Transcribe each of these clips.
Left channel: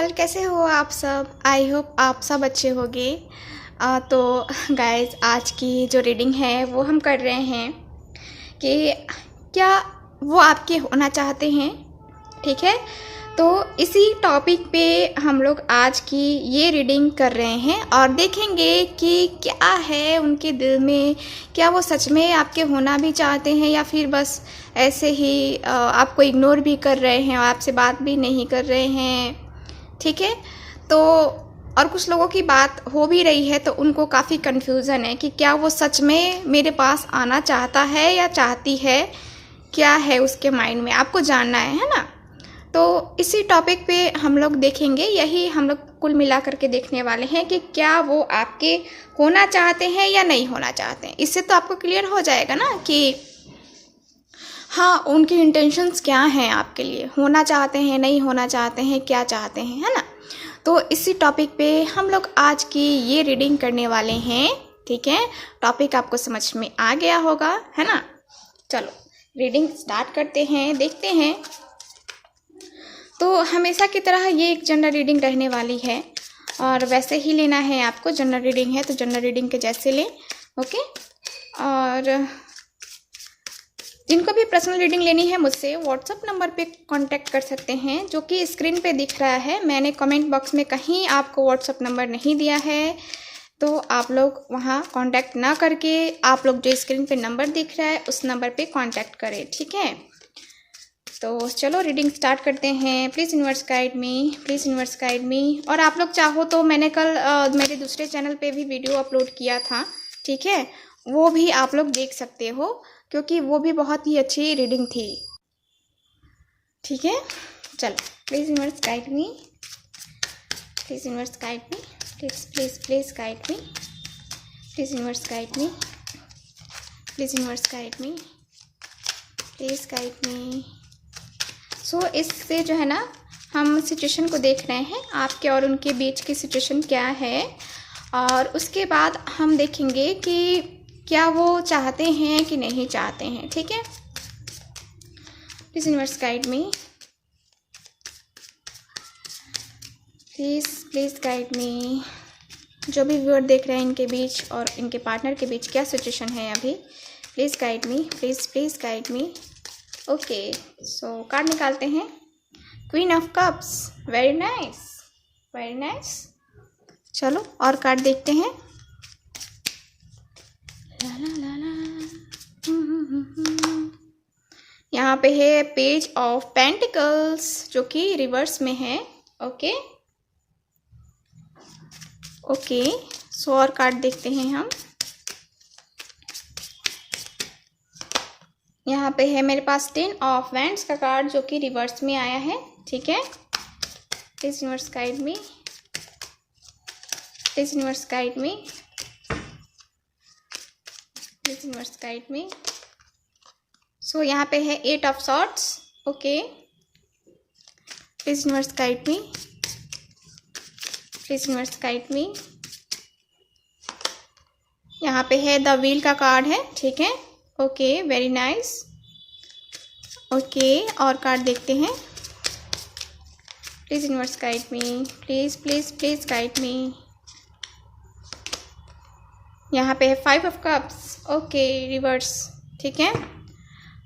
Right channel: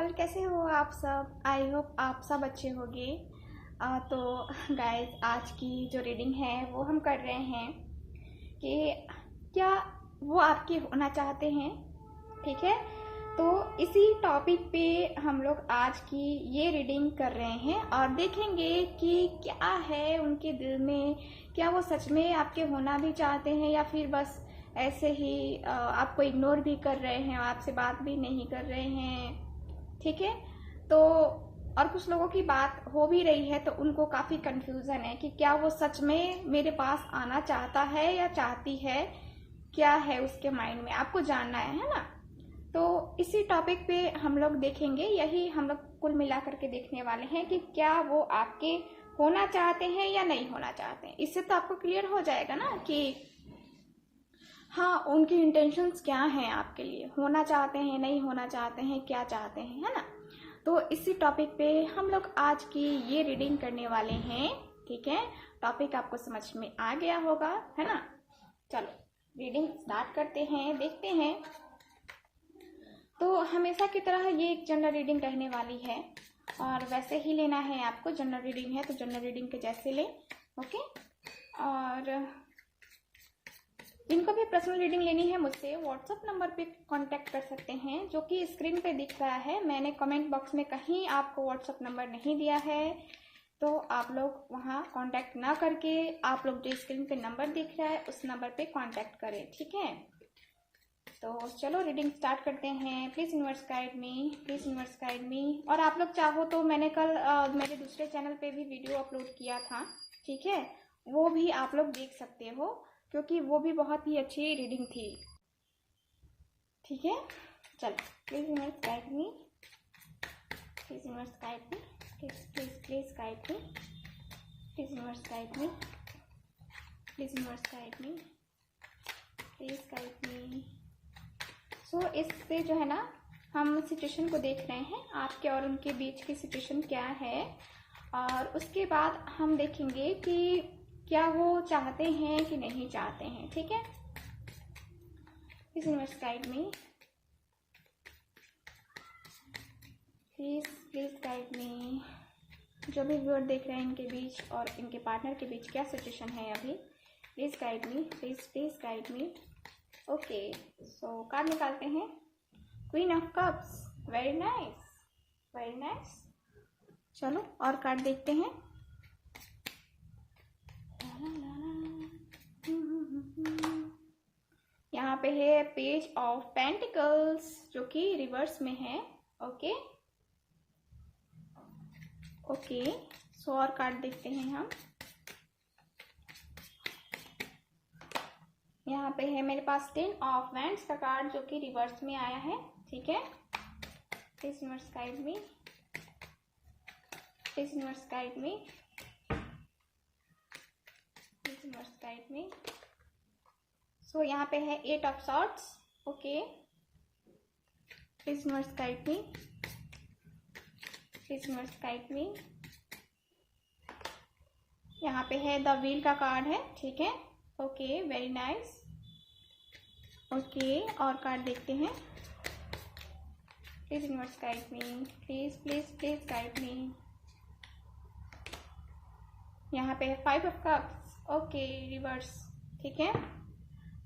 All, कैसे हो आप सब। आई होप आप सब अच्छे होंगे। तो गाइस, आज की जो रीडिंग है वो हम कर रहे हैं कि क्या वो आपके होना चाहते हैं। ठीक है, तो इसी टॉपिक पे हम लोग आज की ये रीडिंग कर रहे हैं और देखेंगे कि क्या है उनके दिल में। क्या वो सच में आपके होना भी चाहते हैं या फिर बस ऐसे ही आपको इग्नोर भी कर रहे हैं और आपसे बात भी नहीं कर रहे हैं। ठीक है, तो और कुछ लोगों की बात हो भी रही है तो उनको काफ़ी कन्फ्यूज़न है कि क्या वो सच में मेरे पास आना चाहता है या चाहती है। क्या है उसके माइंड में, आपको जानना है ना। तो इसी टॉपिक पे हम लोग देखेंगे, यही हम लोग कुल मिला करके देखने वाले हैं कि क्या वो आपके होना चाहते हैं या नहीं होना चाहते हैं। इससे तो आपको क्लियर हो जाएगा ना कि हाँ, उनकी इंटेंशंस क्या हैं आपके लिए, होना चाहते हैं, नहीं होना चाहते हैं, क्या चाहते हैं, है ना। तो इसी टॉपिक पे हम लोग आज की ये रीडिंग करने वाले हैं। ठीक है, टॉपिक आपको समझ में आ गया होगा, है ना। चलो रीडिंग स्टार्ट करते हैं, देखते हैं। तो हमेशा की तरह ये एक जनरल रीडिंग रहने वाली है और वैसे ही लेना है आपको। जनरल रीडिंग है तो जनरल रीडिंग के जैसे लें, ओके। और जिनको भी पर्सनल रीडिंग लेनी है मुझसे व्हाट्सअप नंबर पे कांटेक्ट कर सकते हैं, जो कि स्क्रीन पे दिख रहा है। मैंने कमेंट बॉक्स में कहीं आपको व्हाट्सअप नंबर नहीं दिया है, तो आप लोग वहाँ कांटेक्ट ना करके आप लोग जो स्क्रीन पे नंबर दिख रहा है उस नंबर पे कांटेक्ट करें। ठीक है, तो चलो रीडिंग स्टार्ट करते हैं। Please universe guide me, please universe guide मी। और आप लोग चाहो तो मैंने कल मेरे दूसरे चैनल पे भी वीडियो अपलोड किया था, ठीक है, वो भी आप लोग देख सकते हो क्योंकि वो भी बहुत ही अच्छी रीडिंग थी। ठीक है, चलो please universe guide me, please universe guide me, please please please guide me, please universe guide me, please universe guide me, please guide me. So इससे जो है ना हम सिचुएशन को देख रहे हैं, आपके और उनके बीच की सिचुएशन क्या है, और उसके बाद हम देखेंगे कि क्या वो चाहते हैं कि नहीं चाहते हैं। ठीक है, please universe guide me, please please guide मी। जो भी व्यूअर देख रहे हैं इनके बीच और इनके पार्टनर के बीच क्या सिचुएशन है अभी, please guide me, please please guide me. Okay, so card निकालते हैं। Queen of cups, very nice, very nice. चलो और कार्ड देखते हैं। ला ला ला ला। यहाँ पे है पेज ऑफ पेंटिकल्स जो कि रिवर्स में है। ओके ओके, सो और कार्ड देखते हैं हम। यहाँ पे है मेरे पास 10 ऑफ वैंड्स का कार्ड जो कि रिवर्स में आया है। ठीक है, please universe guide me, please universe guide me, please universe guide me. So यहाँ पे है 8 of swords. Okay, please universe guide me, please universe guide me. यहाँ पे है द व्हील का कार्ड है। ठीक है, ओके, वेरी नाइस। ओके, और कार्ड देखते हैं। Please universe guide me, please please please guide me. यहाँ पे है 5 ऑफ कप्स। Okay, reverse. ठीक है,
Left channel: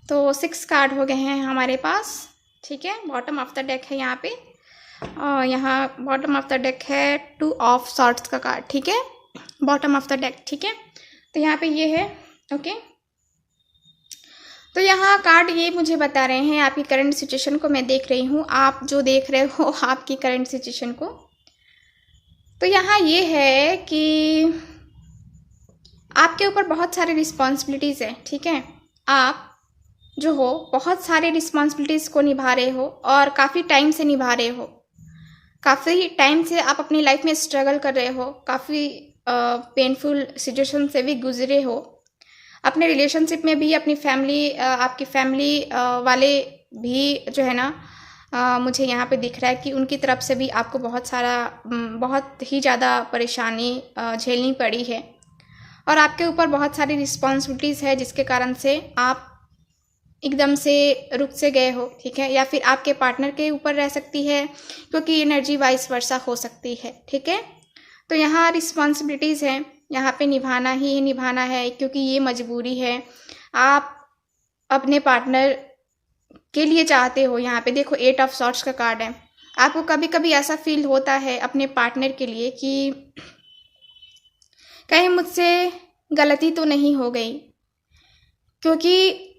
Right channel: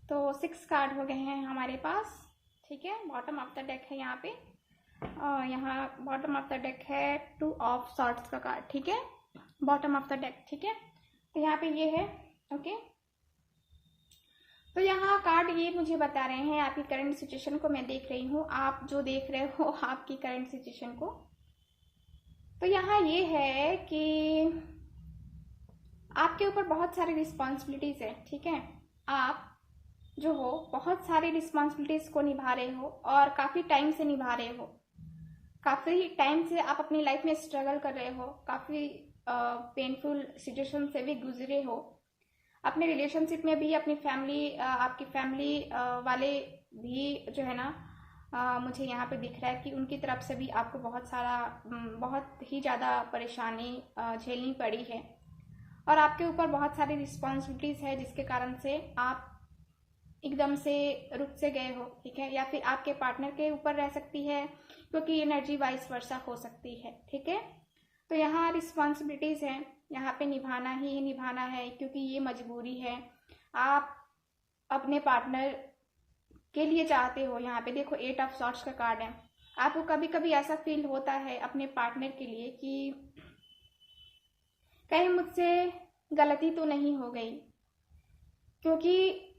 तो 6 कार्ड हो गए हैं हमारे पास। ठीक है, बॉटम ऑफ द डेक है यहाँ पे, और यहाँ बॉटम ऑफ द डेक है 2 ऑफ सॉर्ड्स का कार्ड। ठीक है, बॉटम ऑफ द डेक। ठीक है, तो यहाँ पे ये है। ओके, तो यहाँ कार्ड ये मुझे बता रहे हैं आपकी करंट सिचुएशन को मैं देख रही हूँ, आप जो देख रहे हो आपकी करंट सिचुएशन को। तो यहाँ ये है कि आपके ऊपर बहुत सारी रिस्पॉन्सिबिलिटीज़ है। ठीक है, आप जो हो बहुत सारी रिस्पॉन्सिबिलिटीज़ को निभा रहे हो और काफ़ी टाइम से निभा रहे हो। काफ़ी टाइम से आप अपनी लाइफ में स्ट्रगल कर रहे हो, काफ़ी पेनफुल सिचुएशन से भी गुजरे हो। अपने रिलेशनशिप में भी अपनी फैमिली, आपकी फैमिली वाले भी जो है ना, मुझे यहाँ पे दिख रहा है कि उनकी तरफ से भी आपको बहुत ही ज़्यादा परेशानी झेलनी पड़ी है और आपके ऊपर बहुत सारी रिस्पॉन्सिबिलिटीज़ है जिसके कारण से आप एकदम से रुक से गए हो, ठीक है, या फिर आपके पार्टनर के ऊपर रह सकती है, क्योंकि एनर्जी वाइस वर्सा हो सकती है, ठीक है। तो यहाँ रिस्पॉन्सिबिलिटीज़ हैं, यहाँ पे निभाना ही निभाना है, क्योंकि ये मजबूरी है। आप अपने पार्टनर के लिए चाहते हो। यहाँ पे देखो 8 ऑफ सॉर्ड्स का कार्ड है। आपको कभी कभी ऐसा फील होता है अपने पार्टनर के लिए कि कहीं मुझसे गलती तो नहीं हो गई, क्योंकि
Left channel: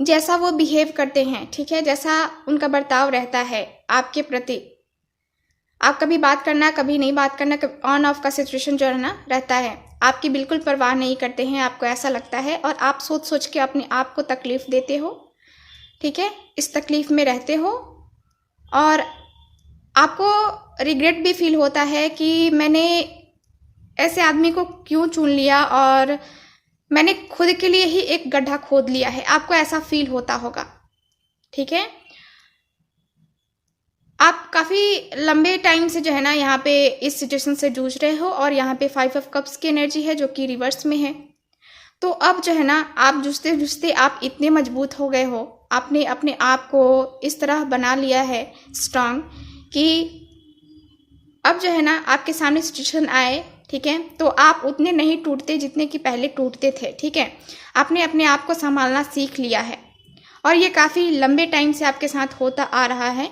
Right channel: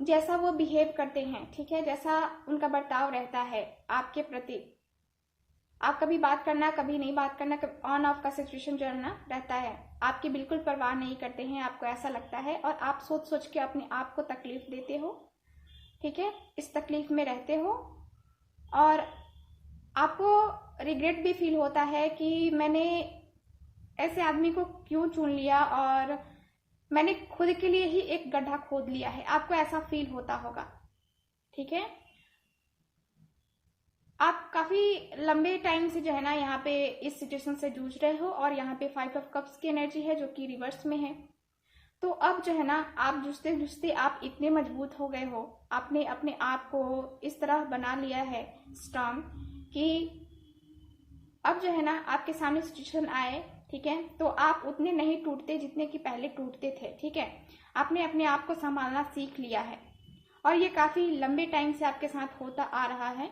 जैसा वो बिहेव करते हैं, ठीक है, जैसा उनका बर्ताव रहता है आपके प्रति, आप कभी बात करना कभी नहीं बात करना, ऑन ऑफ का सिचुएशन जो है ना रहता है, आपकी बिल्कुल परवाह नहीं करते हैं, आपको ऐसा लगता है और आप सोच सोच के अपने आप को तकलीफ़ देते हो, ठीक है, इस तकलीफ़ में रहते हो और आपको रिग्रेट भी फील होता है कि मैंने ऐसे आदमी को क्यों चुन लिया और मैंने खुद के लिए ही एक गड्ढा खोद लिया है। आपको ऐसा फील होता होगा, ठीक है। आप काफ़ी लंबे टाइम से जो है ना यहाँ पे इस सिचुएशन से जूझ रहे हो और यहाँ पे 5 ऑफ कप्स की एनर्जी है जो कि रिवर्स में है। तो अब जो है ना आप जूझते जूझते आप इतने मजबूत हो गए हो, आपने अपने आप को इस तरह बना लिया है स्ट्रांग कि अब जो है ना आपके सामने सिचुएशन आए, ठीक है, तो आप उतने नहीं टूटते जितने कि पहले टूटते थे, ठीक है। आपने अपने आप को संभालना सीख लिया है और ये काफ़ी लंबे टाइम से आपके साथ होता आ रहा है।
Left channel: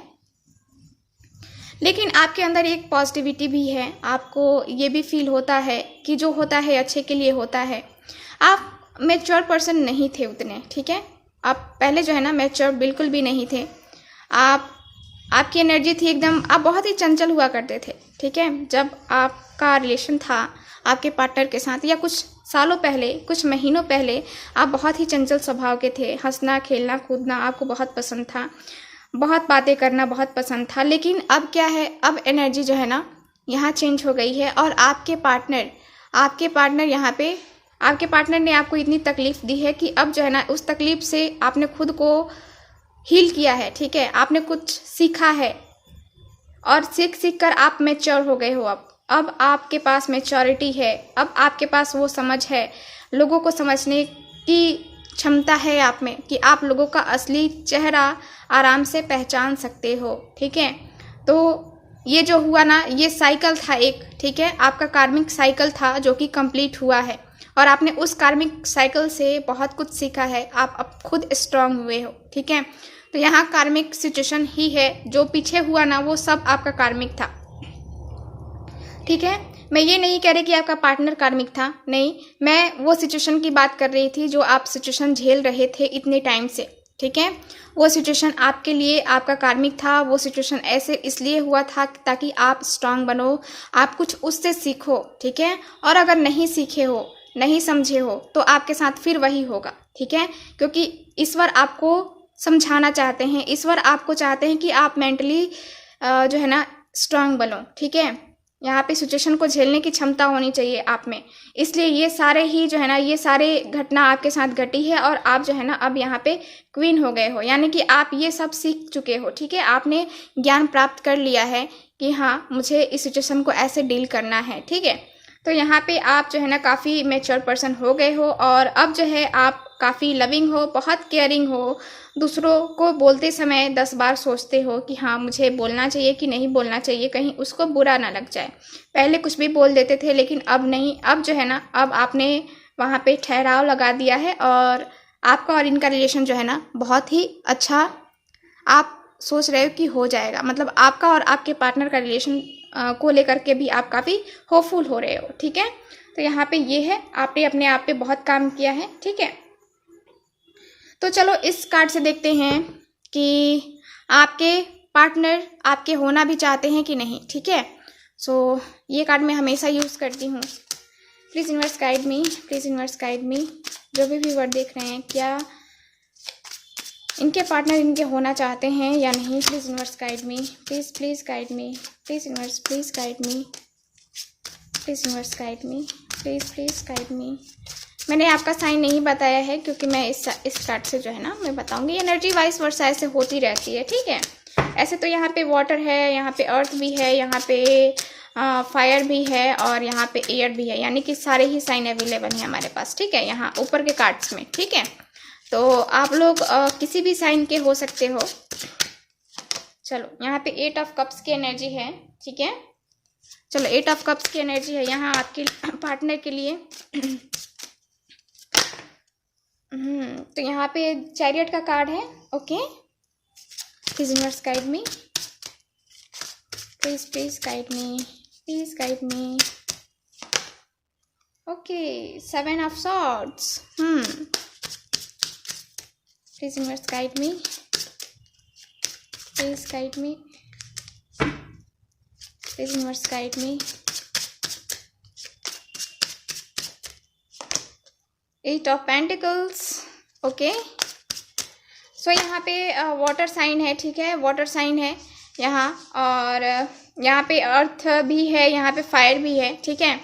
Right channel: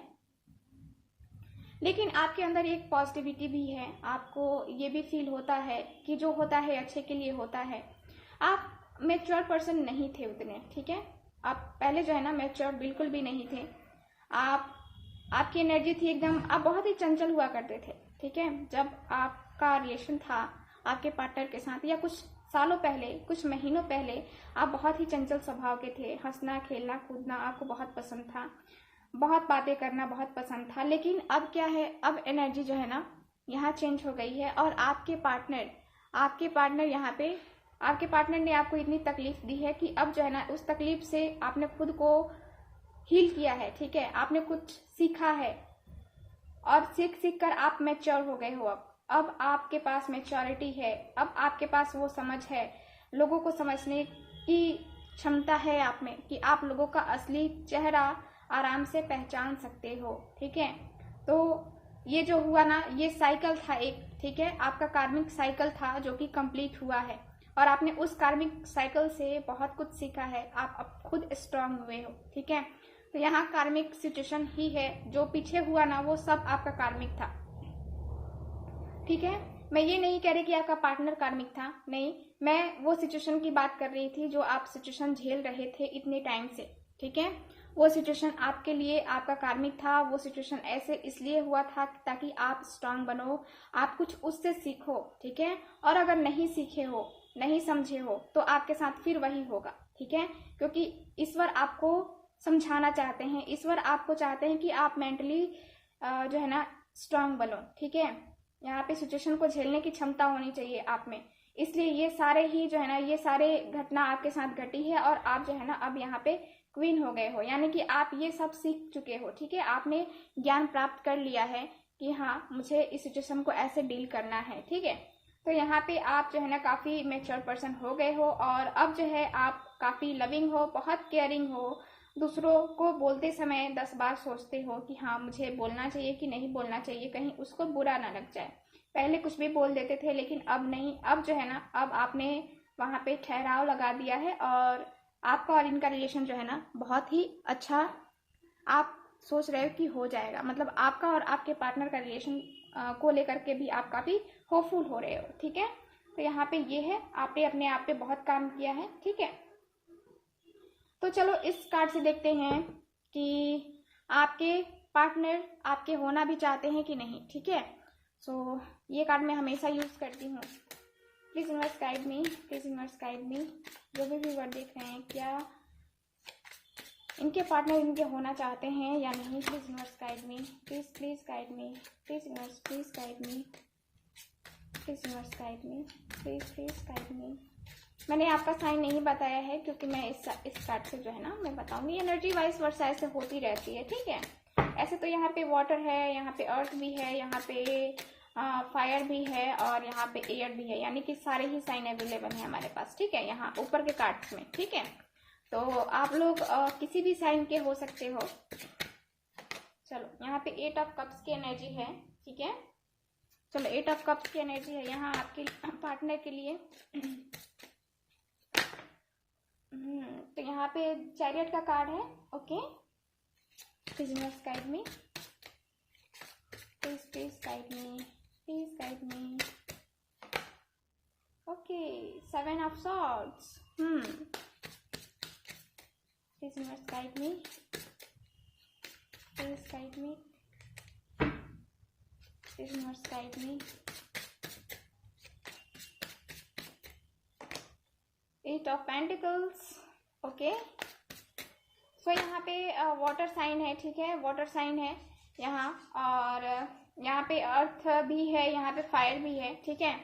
लेकिन आपके अंदर एक पॉजिटिविटी भी है, आपको ये भी फील होता है कि जो होता है अच्छे के लिए होता है। आप मैच्योर पर्सन नहीं थे उतने, ठीक है, आप पहले जो है ना मैच्योर बिल्कुल भी नहीं थे। आपकी एनर्जी थी एकदम, आप बहुत ही चंचल हुआ करते थे, ठीक है। जब आपका रिलेशन था आपके पार्टनर के साथ या कुछ सालों पहले, कुछ महीनों पहले, आप बहुत ही चंचल स्वभाव के थे। हंसना खेलना कूदना आपको बहुत पसंद था, बहुत बातें करना बहुत पसंद था। लेकिन अब क्या है, अब एनर्जी जो है ना यहाँ चेंज हो गई है और आपके पार्टनर यहाँ पे आपके पार्टनर ने आपको इतनी तकलीफ़ दी है कि अब जो है ना उस तकलीफ़ से आपने खुद को हील किया है, ठीक है, आपने कुछ सीखा है और सीख कर आप मैच्योर हो गए हो। अब आपके पास मैच्योरिटी है, अब आपके पास वो समझ है, लोगों को समझने की क्षमता है आप में कि आप लोगों का असली चेहरा आराम से पहचान सकते हो, ठीक है। तो ये जो हुआ ना ये साइकिल था एक, ठीक है, आपका कार्मिक साइकिल था जो कि कंप्लीट हुआ है और आपने उस कार्मिक साइकिल से बहुत कुछ सीखा है। आप अब खुद स्ट्रांग हुए हो, ठीक है। तो यहाँ कार्मिक सिचुएशन ही है, जो पीछे हुआ ना वो सब आपका कार्मिक था, ठीक है। मैं ये नहीं कह रही कि आपका पार्टनर कार्मिक था, नहीं, मैं वो सिचुएशन की बात कर रही थी जो आप सिचुएशन झेल रहे थे इतने टाइम से, ठीक है। वो सिचुएशन आपके लिए आपका कार्मिक था। वो सिचुएशन ऐसे इसलिए हुआ था ताकि आप स्ट्रांग बनो, आप कुछ उससे सीखो, ठीक है। और अगर नहीं सीखे हो, नहीं समझे हो, तो आपके साथ फिर वही होगा, ठीक है, क्योंकि ईश्वर आपको समझाना चाहते हैं, ईश्वर आपको चाहते हैं कि आप मेंटली जो है ना स्ट्रांग बनो, ठीक है। यहाँ पे सिचुएशन को झेलने की क्षमता होनी चाहिए आप में, इसलिए ये सारे ही जो है ना ये सारे घटना आपके साथ घटी है और आप जो है ना अब यहाँ पे क्वीन हो गए हो, यानी कि आप ये सब सीख चुके हो, ठीक है। आपने ज्ञान प्राप्त कर लिया है कि हाँ मुझे इस सिचुएशन को ऐसे डील करना है, ठीक है। तो यहाँ पे आप जो है ना काफ़ी मैच्योर पर्सन हो गए हो और अब जो है आप काफ़ी लविंग हो, बहुत केयरिंग हो, दूसरों को बोलते समय 10 बार सोचते हो कि हाँ मुझे बोलना चाहिए कि नहीं बोलना चाहिए, कहीं उसको बुरा ना लग जाए। पहले कुछ भी बोल देते थे लेकिन अब नहीं, अब जो है ना अब आपने वहाँ पे ठहराव लगा दिया है और आपका और इनका रिलेशन जो है ना बहुत ही अच्छा आप सोच रहे हो कि हो जाएगा। मतलब आपका और आपके पार्टनर का रिलेशन को लेकर के भी आप काफ़ी होपफुल हो रहे हो, ठीक है। तो यहाँ पे ये है, आपने अपने आप पे बहुत काम किया है, ठीक है। तो चलो इस कार्ड से देखते हैं कि आपके पार्टनर आपके होना भी चाहते हैं कि नहीं, ठीक है। सो ये कार्ड मैं हमेशा यूज़ करती हूँ। Please universe guide me, please universe guide मी। जो भी वर्ड देख रहे हैं, क्या इनके पार्टनर इनके होना चाहते हैं या नहीं, please universe guide me, please guide me, please universe please guide me, please universe guide me, please guide मी। मैंने आपका साइन नहीं बताया है क्योंकि मैं इस कार्ड से जो है ना मैं बताऊंगी। एनर्जी वाइस वर्सा ऐसे होती रहती है, ठीक है। ऐसे तो यहाँ पे वाटर है, यहाँ पे अर्थ भी है, यहाँ पे फायर भी है और यहाँ पे एयर भी है, यानी कि सारे ही साइन अवेलेबल हैं हमारे पास, ठीक है, यहाँ ऊपर के कार्ड्स में, ठीक है। तो आप लोग किसी भी साइन के हो सकते हो। चलो यहाँ पे 8 ऑफ कप्स की एनर्जी है, ठीक है। चलो 8 ऑफ कप्स की एनर्जी है यहाँ आपके पार्टनर के लिए। तो यहाँ पे चैरियट का कार्ड है। Okay, please universe guide me, please guide me, please guide me. Okay, 7 of swords. Please universe guide me, please guide me, please universe guide me. 8 of pentacles. Okay, so यहाँ पे water sign है, ठीक है, water sign है यहाँ, और यहाँ पे अर्थ भी है, यहाँ पे फायर भी है, ठीक है।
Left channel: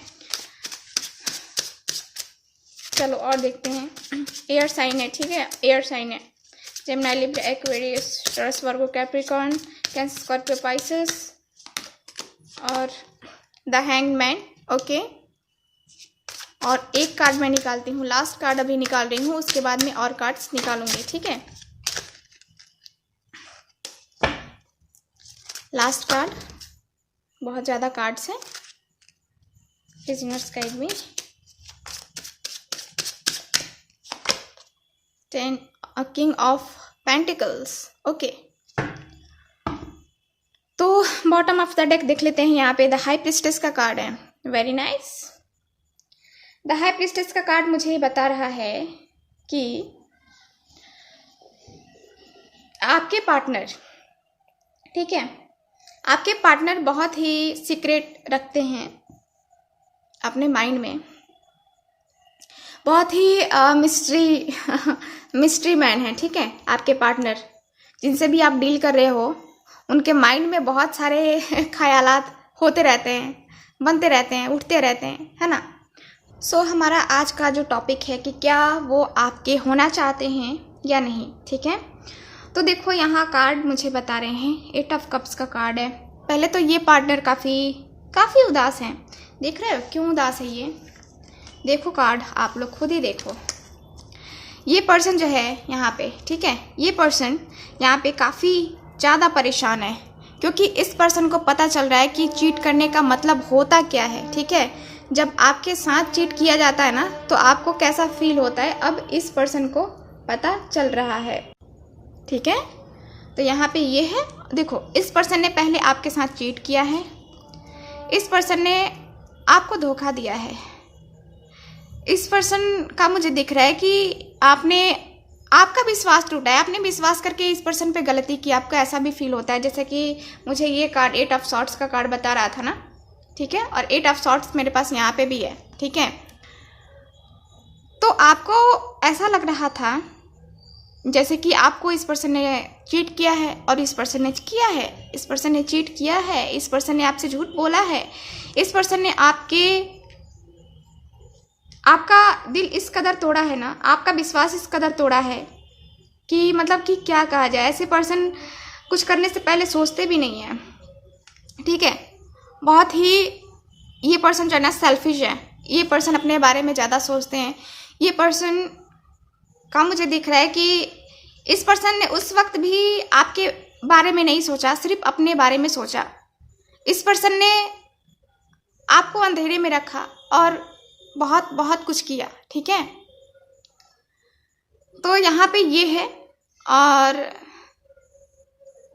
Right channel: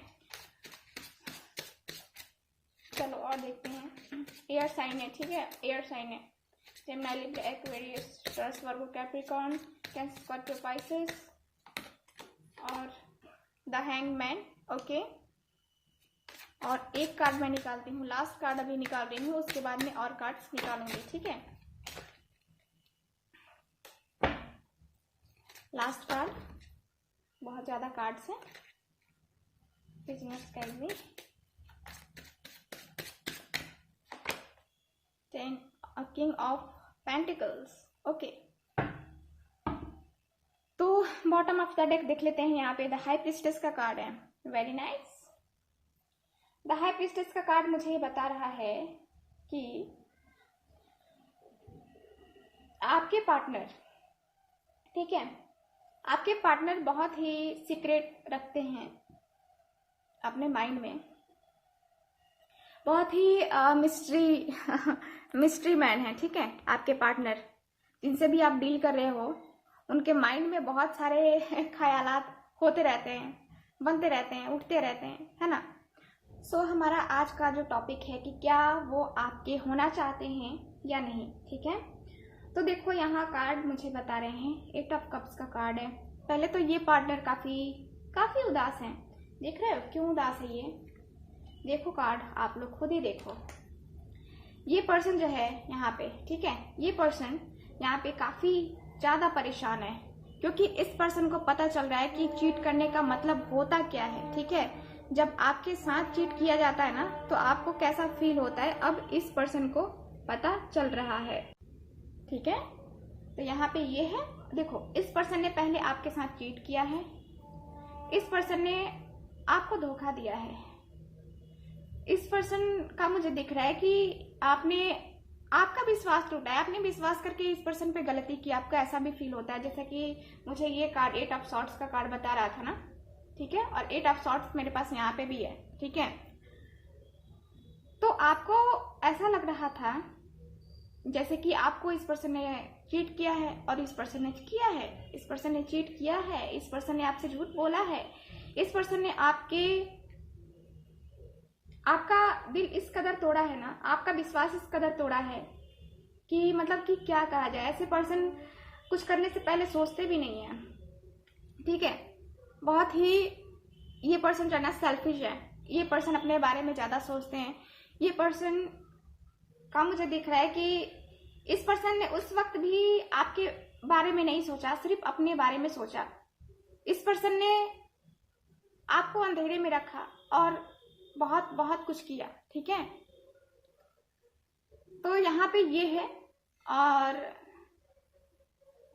चलो और देखते हैं। एयर साइन है, ठीक है, एयर साइन है। जेमिनी, लिब्रा, एक्वेरियस, टॉरस, वर्गो, कैप्रिकॉर्न, कैंसर, स्कॉर्पियो, पाइसेस और द हैंग्ड मैन। ओके, और एक कार्ड मैं निकालती हूँ, लास्ट कार्ड अभी निकाल रही हूँ, उसके बाद में और कार्ड्स निकालूंगी, ठीक है। लास्ट कार्ड, बहुत ज़्यादा कार्ड्स हैं। Please universe guide me. 10 king of pentacles. Okay, तो बॉटम ऑफ द डेक देख लेते हैं। यहाँ पे द हाई प्रिस्टेस का कार्ड है। Very nice. The high priestess का कार्ड मुझे बता रहा है कि आपके पार्टनर, ठीक है, आपके पार्टनर बहुत ही सीक्रेट रखते हैं अपने माइंड में, बहुत ही मिस्ट्री मैन है, ठीक है। आपके पार्टनर जिनसे भी आप डील कर रहे हो, उनके माइंड में बहुत सारे ख्यालात होते रहते हैं, बनते रहते हैं, उठते रहते हैं, है ना। सो हमारा आज का जो टॉपिक है कि क्या वो आपके होना चाहते हैं या नहीं, ठीक है। तो देखो यहाँ कार्ड मुझे बता रहे हैं 8 ऑफ कप्स का कार्ड है। पहले तो ये पार्टनर काफ़ी उदास हैं। देख रहे हो क्यों उदास है ये? देखो कार्ड, आप लोग खुद ही देखो। ये पर्सन जो है यहाँ पे, ठीक है, ये पर्सन यहाँ पे काफ़ी ज़्यादा परेशान है, क्योंकि इस पर्सन को पता चल रहा है कि चीट करने का मतलब होता क्या है, ठीक है। जब आपके साथ चीट किया जाता है ना, तो आपको कैसा फील होता है, अब इस पर्सन को पता चल रहा है, ठीक है। तो यहाँ पे ये है, देखो इस पर्सन ने पहले आपके साथ चीट किया है, इस पर्सन ने आपको धोखा दिया है। इस पर्सन का मुझे दिख रहा है कि आपका विश्वास टूटा है, आपने विश्वास करके इस पर्सन पे गलती की। आपको ऐसा भी फील होता है जैसे कि मुझे ये कार्ड 8 ऑफ सॉर्ड्स का कार्ड बता रहा था ना, ठीक है, और 8 ऑफ सॉर्ड्स मेरे पास यहाँ पे भी है, ठीक है। तो आपको ऐसा लग रहा था जैसे कि आपको इस पर्सन ने चीट किया है, और इस पर्सन ने किया है, इस पर्सन ने चीट किया है, इस पर्सन ने आपसे झूठ बोला है, इस पर्सन ने आपका दिल इस कदर तोड़ा है ना, आपका विश्वास इस कदर तोड़ा है कि मतलब कि क्या कहा जाए। ऐसे पर्सन कुछ करने से पहले सोचते भी नहीं है, ठीक है। बहुत ही ये पर्सन जो है ना सेल्फिश है, ये पर्सन अपने बारे में ज़्यादा सोचते हैं। ये पर्सन का मुझे दिख रहा है कि इस पर्सन ने उस वक्त भी आपके बारे में नहीं सोचा, सिर्फ अपने बारे में सोचा। इस पर्सन ने आपको अंधेरे में रखा और बहुत बहुत कुछ किया, ठीक है। तो यहाँ पे ये है, और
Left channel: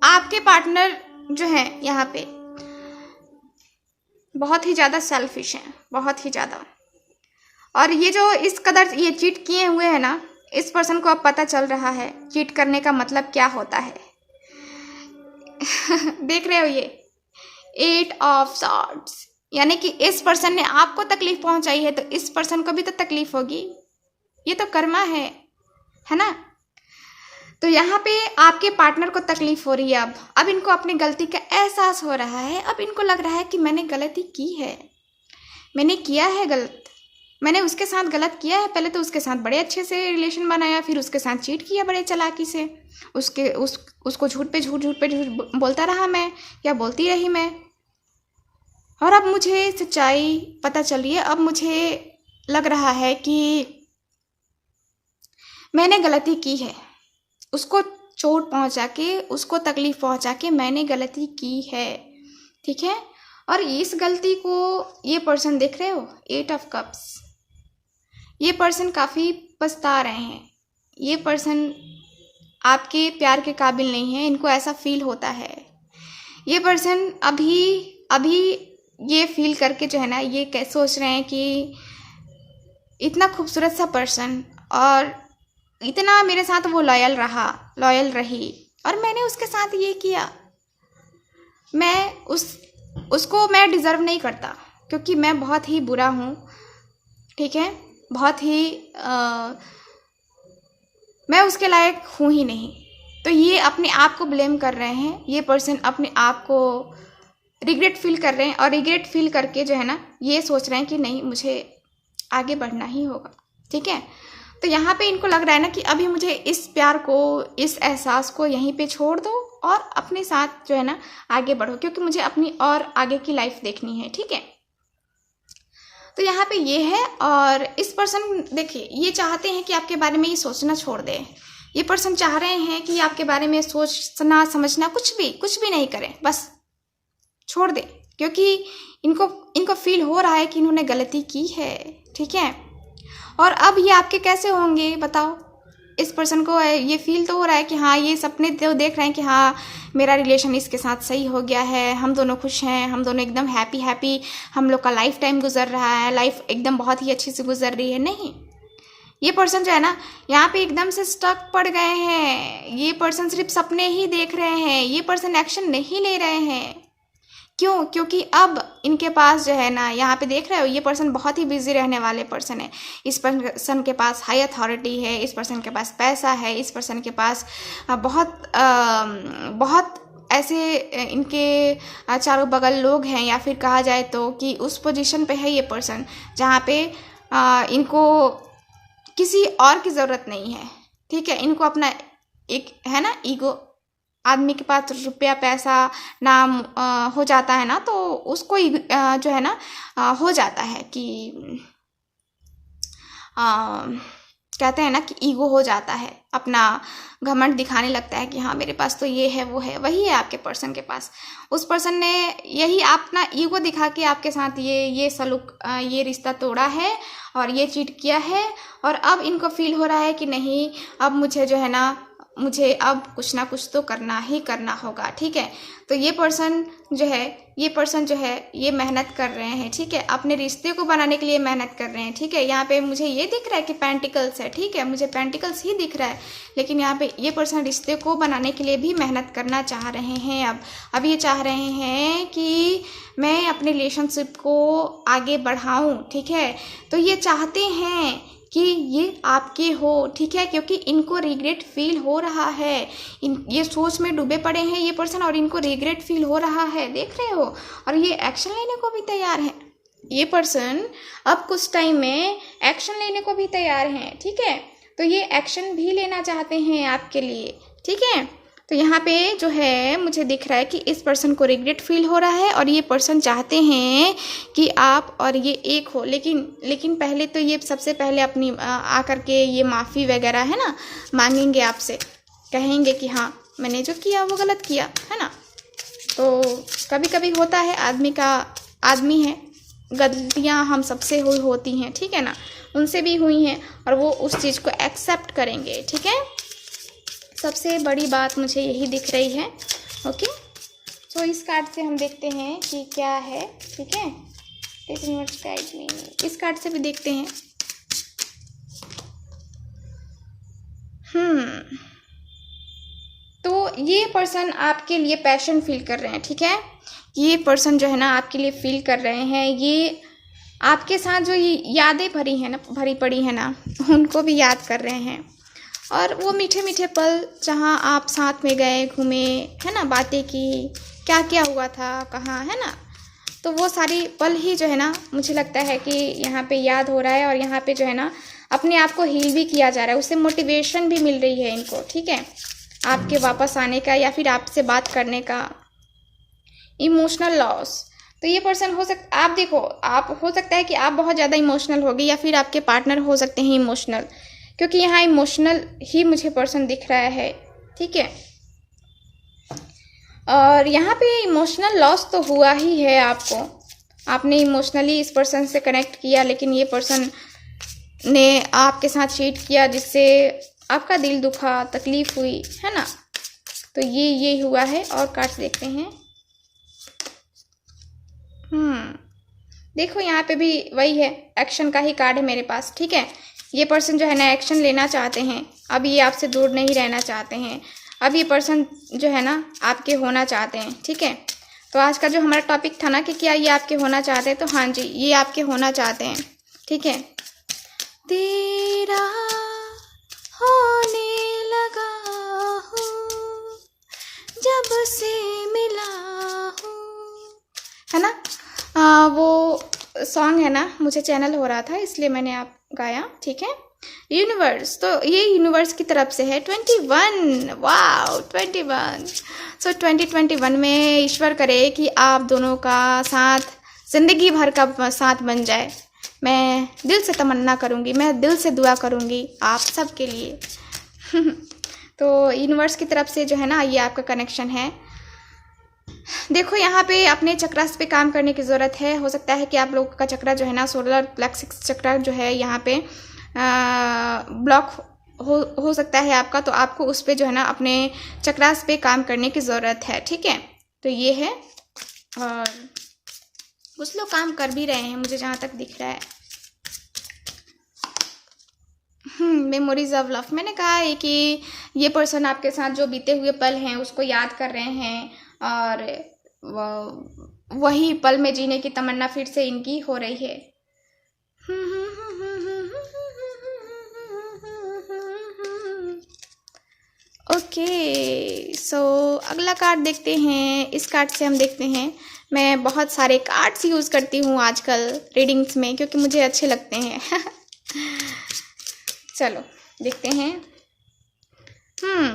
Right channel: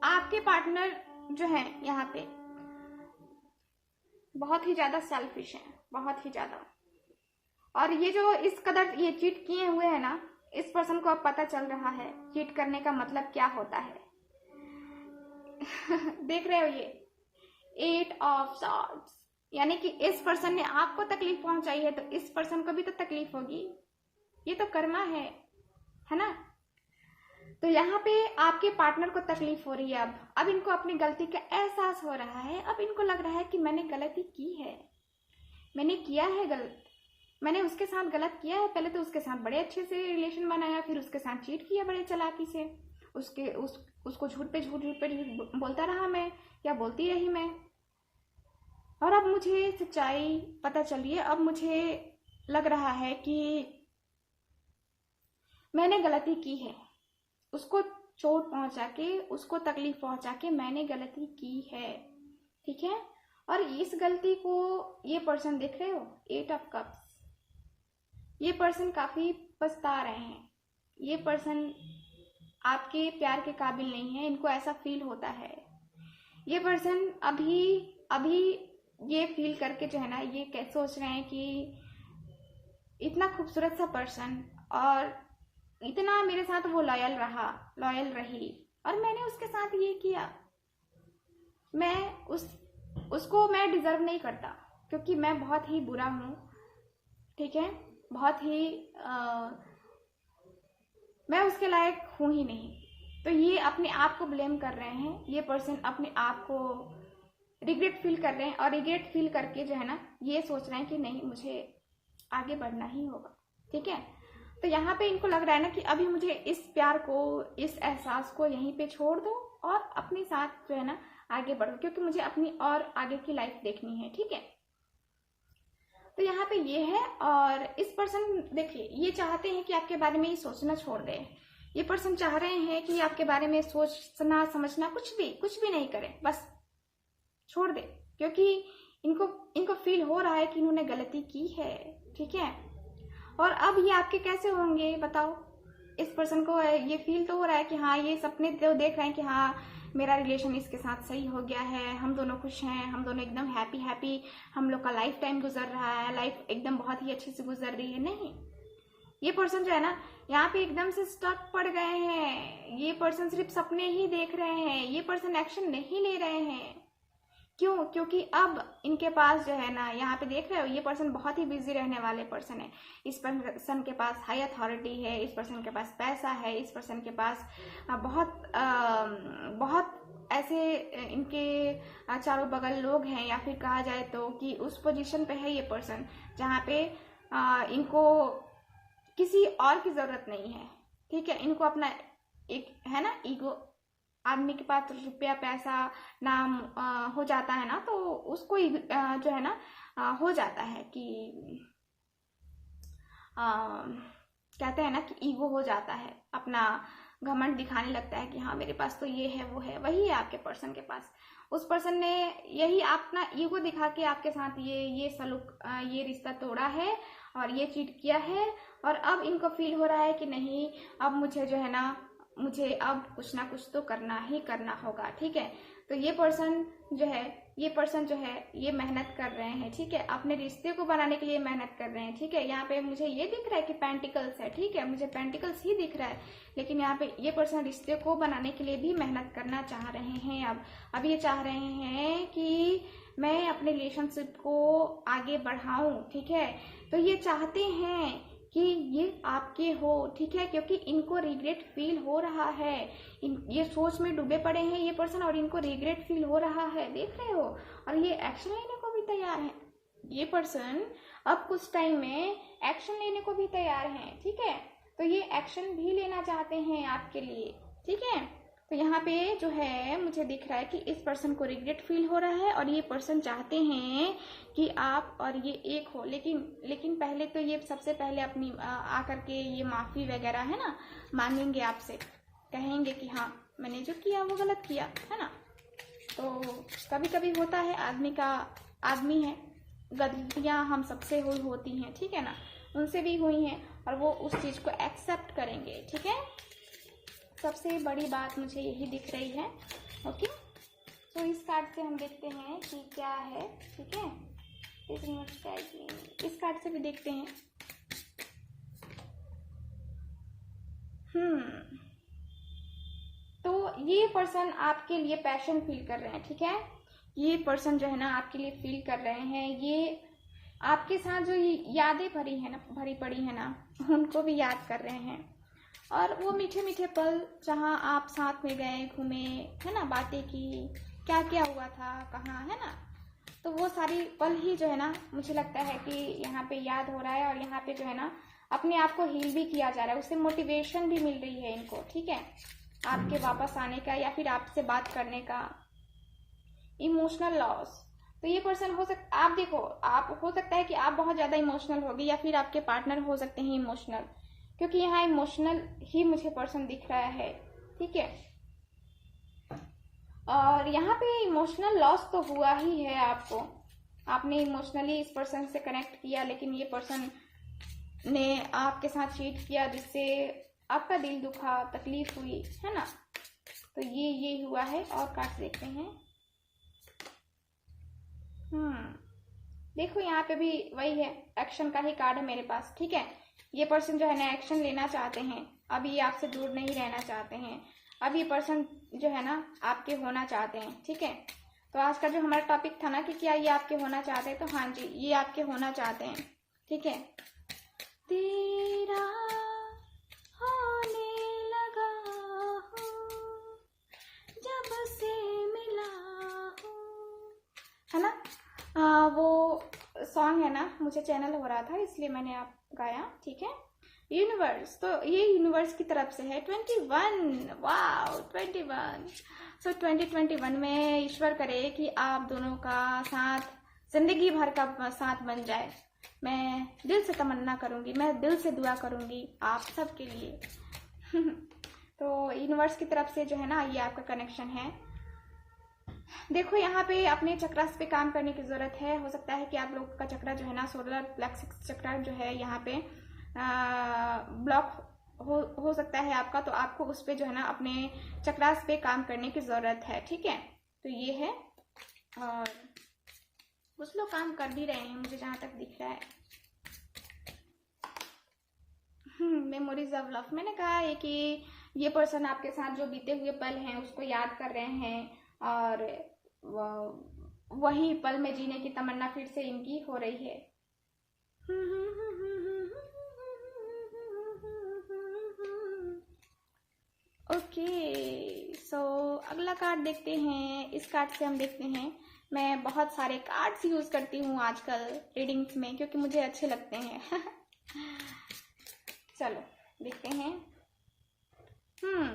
आपके पार्टनर जो है यहाँ पे बहुत ही ज़्यादा सेल्फिश हैं, बहुत ही ज़्यादा। और ये जो इस कदर ये चीट किए हुए हैं ना, इस पर्सन को अब पता चल रहा है चीट करने का मतलब क्या होता है। देख रहे हो ये 8 ऑफ सॉर्ड्स, यानी कि इस पर्सन ने आपको तकलीफ पहुंचाई है, तो इस पर्सन को भी तो तकलीफ होगी। ये तो कर्मा है ना। तो यहाँ पे आपके पार्टनर को तकलीफ हो रही है। अब इनको अपनी गलती का एहसास हो रहा है। अब इनको लग रहा है कि मैंने गलती की है, मैंने किया है गलत, मैंने उसके साथ गलत किया है। पहले तो उसके साथ बड़े अच्छे से रिलेशन बनाया, फिर उसके साथ चीट किया बड़े चालाकी से। उसको झूठ पे झूठ बोलता रहा मैं, या बोलती रही मैं, और अब मुझे सच्चाई पता चल रही है। अब मुझे लग रहा है कि मैंने गलती की है, उसको चोट पहुंचा के, उसको तकलीफ पहुंचा के मैंने गलती की है, ठीक है। और इस गलती को ये पर्सन देख रहे हो, 8 ऑफ कप्स, ये पर्सन काफ़ी पछता रहे हैं। ये पर्सन आपके प्यार के काबिल नहीं है, इनको ऐसा फील होता है। ये पर्सन अभी ये फील करके जो है ना, ये सोच रहे हैं कि इतना खूबसूरत सा पर्सन और इतना मेरे साथ वो लॉयल रही, और मैंने उसके साथ ये किया, मैं उसको मैं डिज़र्व नहीं करता, क्योंकि मैं बहुत ही बुरा हूँ, ठीक है, बहुत ही मैं उसके लायक हूँ ही नहीं। तो ये अपने आप को ब्लेम कर रहे हैं, ये पर्सन अपने आप को रिग्रेट फील कर रहे हैं, और रिग्रेट फील करके जो है ना, ये सोच रहे हैं कि नहीं, मुझे आगे बढ़ना ही होगा, ठीक है। तो यहाँ पे इनको लग रहा है ना कि अभी मुझे इस प्यार को, इस एहसास को यहीं पे छोड़ दो और अपने साथ जो है ना आगे बढ़ो, क्योंकि मुझे अपनी और आगे की लाइफ देखनी है, ठीक है। तो यहाँ पे ये है। और इस पर्सन देखिए, ये चाहते हैं कि आपके बारे में ये सोचना छोड़ दें। ये पर्सन चाह रहे हैं कि आपके बारे में सोचना समझना कुछ भी नहीं करें, बस छोड़ दें, क्योंकि इनको फील हो रहा है कि इन्होंने गलती की है, ठीक है। और अब ये आपके कैसे होंगे बताओ। इस पर्सन को ये फील तो हो रहा है कि हाँ, ये सपने तो देख रहे हैं कि हाँ, मेरा रिलेशन इसके साथ सही हो गया है, हम दोनों खुश हैं, हम दोनों एकदम हैप्पी हम लोग का लाइफ टाइम गुजर रहा है, लाइफ एकदम बहुत ही अच्छी से गुजर रही है। नहीं, ये पर्सन जो है ना, यहाँ पे एकदम से स्टक पड़ गए हैं। ये पर्सन सिर्फ सपने ही देख रहे हैं, ये पर्सन एक्शन नहीं ले रहे हैं। क्यों? क्योंकि अब इनके पास जो है ना, यहाँ पे देख रहे हो, ये पर्सन बहुत ही बिजी रहने वाले पर्सन है। इस पर्सन के पास हाई अथॉरिटी है, इस पर्सन के पास पैसा है, इस पर्सन के पास बहुत ऐसे इनके चारों बगल लोग हैं, या फिर कहा जाए तो कि उस पोजीशन पे है ये पर्सन जहाँ पे इनको किसी और की ज़रूरत नहीं है, ठीक है। इनको अपना एक है ना ईगो, आदमी के पास रुपया पैसा नाम हो जाता है ना, तो उसको जो है ना हो जाता है कि कहते हैं ना कि ईगो हो जाता है, अपना घमंड दिखाने लगता है कि हाँ, मेरे पास तो ये है वो है। वही है आपके पर्सन के पास। उस पर्सन ने यही अपना ईगो दिखा के आपके साथ ये सलूक, ये रिश्ता तोड़ा है और ये चीट किया है। और अब इनको फील हो रहा है कि नहीं, अब मुझे जो है ना, मुझे अब कुछ ना कुछ तो करना ही करना होगा, ठीक है। तो ये पर्सन जो है ये मेहनत कर रहे हैं, ठीक है, अपने रिश्ते को बनाने के लिए मेहनत कर रहे हैं, ठीक है। यहाँ पे मुझे ये दिख रहा है कि पेंटिकल्स है, ठीक है, मुझे पेंटिकल्स ही दिख रहा है, लेकिन यहाँ पे ये पर्सन रिश्ते को बनाने के लिए भी मेहनत करना चाह रहे हैं। अब ये चाह रहे हैं कि मैं अपने रिलेशनशिप को आगे बढ़ाऊँ, ठीक है। तो ये चाहते हैं कि ये आपके हो, ठीक है, क्योंकि इनको रिग्रेट फील हो रहा है। ये सोच में डूबे पड़े हैं ये पर्सन, और इनको रिग्रेट फील हो रहा है, देख रहे हो। और ये एक्शन लेने को भी तैयार है। ये पर्सन अब कुछ टाइम में एक्शन लेने को भी तैयार हैं, ठीक है। तो ये एक्शन भी लेना चाहते हैं आपके लिए, ठीक है। तो यहाँ पे जो है मुझे दिख रहा है कि इस पर्सन को रिग्रेट फील हो रहा है, और ये पर्सन चाहते हैं कि आप और ये एक हो। लेकिन पहले तो ये सबसे पहले अपनी आकर के ये माफ़ी वगैरह है ना मांगेंगे आपसे, कहेंगे कि हाँ, मैंने जो किया वो गलत किया, है ना। तो कभी कभी होता है, आदमी है, गलतियाँ हम सबसे होती हैं, ठीक है ना, उनसे भी हुई हैं, और वो उस चीज़ को एक्सेप्ट करेंगे, ठीक है। सबसे बड़ी बात मुझे यही दिख रही है। ओके, तो इस कार्ड से हम देखते हैं कि क्या है, ठीक है। इस कार्ड से भी देखते हैं। तो ये पर्सन आपके लिए पैशन फील कर रहे हैं, ठीक है। ये पर्सन जो है ना आपके लिए फील कर रहे हैं, ये आपके साथ जो ये यादें भरी पड़ी है ना, उनको भी याद कर रहे हैं। और वो मीठे मीठे पल जहाँ आप साथ में गए, घूमे, है ना, बातें की, क्या क्या हुआ था, कहाँ, है ना, तो वो सारी पल ही जो है ना मुझे लगता है कि यहाँ पे याद हो रहा है। और यहाँ पे जो है ना अपने आप को हील भी किया जा रहा है, उससे मोटिवेशन भी मिल रही है इनको, ठीक है, आपके वापस आने का या फिर आपसे बात करने का। इमोशनल लॉस, तो ये पर्सन आप देखो, आप हो सकता है कि आप बहुत ज़्यादा इमोशनल हो गए, या फिर आपके पार्टनर हो सकते हैं इमोशनल, क्योंकि यहाँ इमोशनल ही मुझे पर्सन दिख रहा है, ठीक है। और यहाँ पे इमोशनल लॉस तो हुआ ही है आपको, आपने इमोशनली इस पर्सन से कनेक्ट किया, लेकिन ये पर्सन ने आपके साथ चीट किया, जिससे आपका दिल दुखा, तकलीफ हुई, है ना। तो ये हुआ है। और कार्ड्स देखते हैं। देखो यहाँ पे भी वही है, एक्शन का ही कार्ड है मेरे पास, ठीक है। ये पर्सन जो है ना एक्शन लेना चाहते हैं, अब ये आपसे दूर नहीं रहना चाहते हैं, अब ये पर्सन जो है ना आपके होना चाहते हैं, ठीक है। तो आज का जो हमारा टॉपिक था ना कि क्या ये आपके होना चाहते हैं, तो हाँ जी ये आपके होना चाहते हैं, ठीक है। तेरा होने लगा हूँ जब से मिला हूँ, है ना। वो सॉन्ग है ना, मुझे चैनल हो रहा था इसलिए मैंने आप गाया, ठीक है। यूनिवर्स, तो ये यूनिवर्स की तरफ से है 21, वाओ 21। सो 2021 में ईश्वर करे कि आप दोनों का साथ ज़िंदगी भर का साथ बन जाए। मैं दिल से तमन्ना करूँगी, मैं दिल से दुआ करूँगी आप सब के लिए। तो यूनिवर्स की तरफ से जो है ना ये आपका कनेक्शन है। देखो यहाँ पे अपने चक्रास पे काम करने की ज़रूरत है। हो सकता है कि आप लोगों का चक्रा जो है ना, सोलर प्लेक्सिस चक्रा जो है यहाँ पे ब्लॉक हो सकता है आपका, तो आपको उस पे जो है ना अपने चक्रास पे काम करने की ज़रूरत है, ठीक है। तो ये है, और कुछ लोग काम कर भी रहे हैं मुझे जहाँ तक दिख रहा है। मेमोरीज ऑफ लव, मैंने कहा है कि ये पर्सन आपके साथ जो बीते हुए पल हैं उसको याद कर रहे हैं, और वही पल में जीने की तमन्ना फिर से इनकी हो रही है। ओके, सो अगला कार्ड देखते हैं। इस कार्ड से हम देखते हैं, मैं बहुत सारे कार्ड्स यूज़ करती हूँ आजकल रीडिंग्स में क्योंकि मुझे अच्छे लगते हैं। चलो देखते हैं।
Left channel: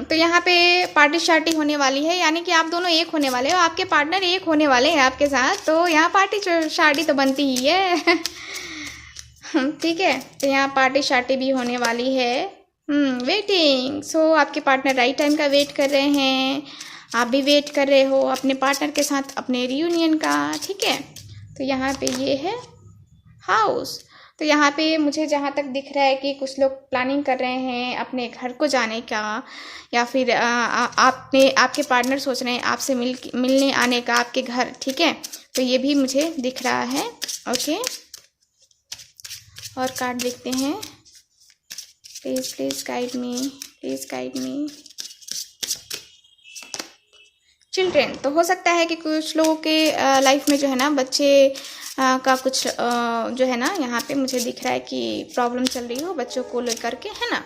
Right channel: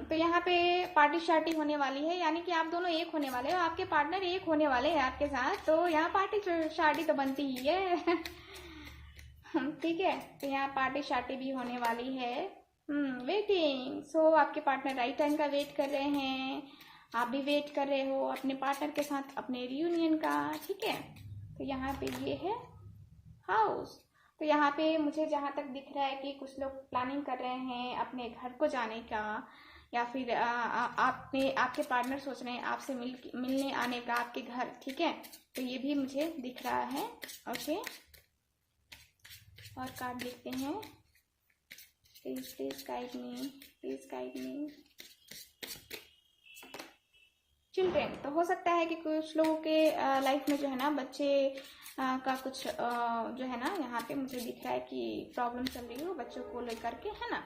तो यहाँ पे पार्टी शार्टी होने वाली है, यानी कि आप दोनों एक होने वाले हो, आपके पार्टनर एक होने वाले हैं आपके साथ, तो यहाँ पार्टी शार्टी तो बनती ही है। ठीक है, तो यहाँ पार्टी शार्टी भी होने वाली है। वेटिंग, सो आपके पार्टनर राइट टाइम का वेट कर रहे हैं, आप भी वेट कर रहे हो अपने पार्टनर के साथ अपने रियूनियन का, ठीक है। तो यहाँ पे ये है हाउस। तो यहाँ पे मुझे जहाँ तक दिख रहा है कि कुछ लोग प्लानिंग कर रहे हैं अपने घर को जाने का, या फिर आपके पार्टनर सोच रहे हैं आपसे मिलने आने का आपके घर, ठीक है। तो ये भी मुझे दिख रहा है। ओके, और कार्ड देखते हैं। Please guide me, please guide me. Children, तो हो सकता है कि कुछ लोगों के लाइफ में जो है ना बच्चे का कुछ जो है ना यहाँ पे मुझे दिख रहा है कि प्रॉब्लम चल रही हो बच्चों को लेकर के, है ना।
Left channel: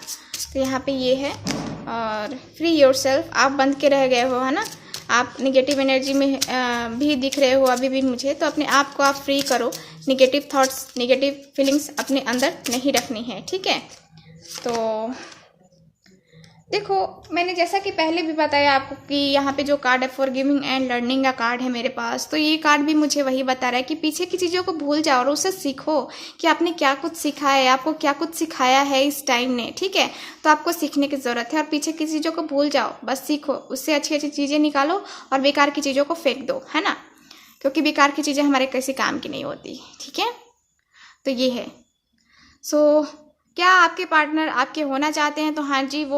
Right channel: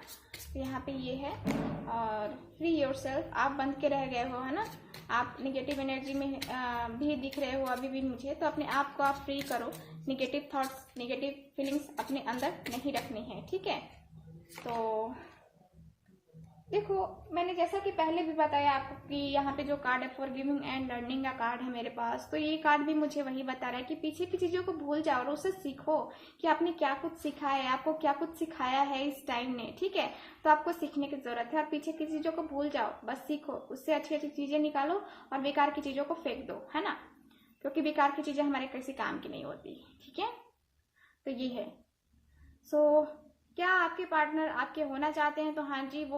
तो यहाँ पे ये है, और फ्री योरसेल्फ, आप बंद के रह गए हो, है ना। आप नेगेटिव एनर्जी में भी दिख रहे हो अभी भी मुझे, तो अपने आप को आप फ्री करो। नेगेटिव थॉट्स, नेगेटिव फीलिंग्स अपने अंदर नहीं रखनी है, ठीक है। तो देखो, मैंने जैसा कि पहले भी बताया आपको कि यहाँ पे जो कार्ड है फॉरगिविंग एंड लर्निंग का कार्ड है मेरे पास, तो ये कार्ड भी मुझे वही बता रहा है कि पीछे की चीज़ों को भूल जाओ और उससे सीखो कि आपने क्या कुछ सीखा है, आपको क्या कुछ सिखाया है इस टाइम ने, ठीक है। तो आपको सीखने की ज़रूरत है, और पीछे की चीज़ों को भूल जाओ, बस सीखो, उससे अच्छी अच्छी चीज़ें निकालो और बेकार की चीज़ों को फेंक दो, है ना। क्योंकि बेकार की चीज़ें हमारे किसी काम की नहीं होती, ठीक है। तो ये है। सो क्या आपके पार्टनर आपके होना चाहते हैं? तो हाँ जी, वो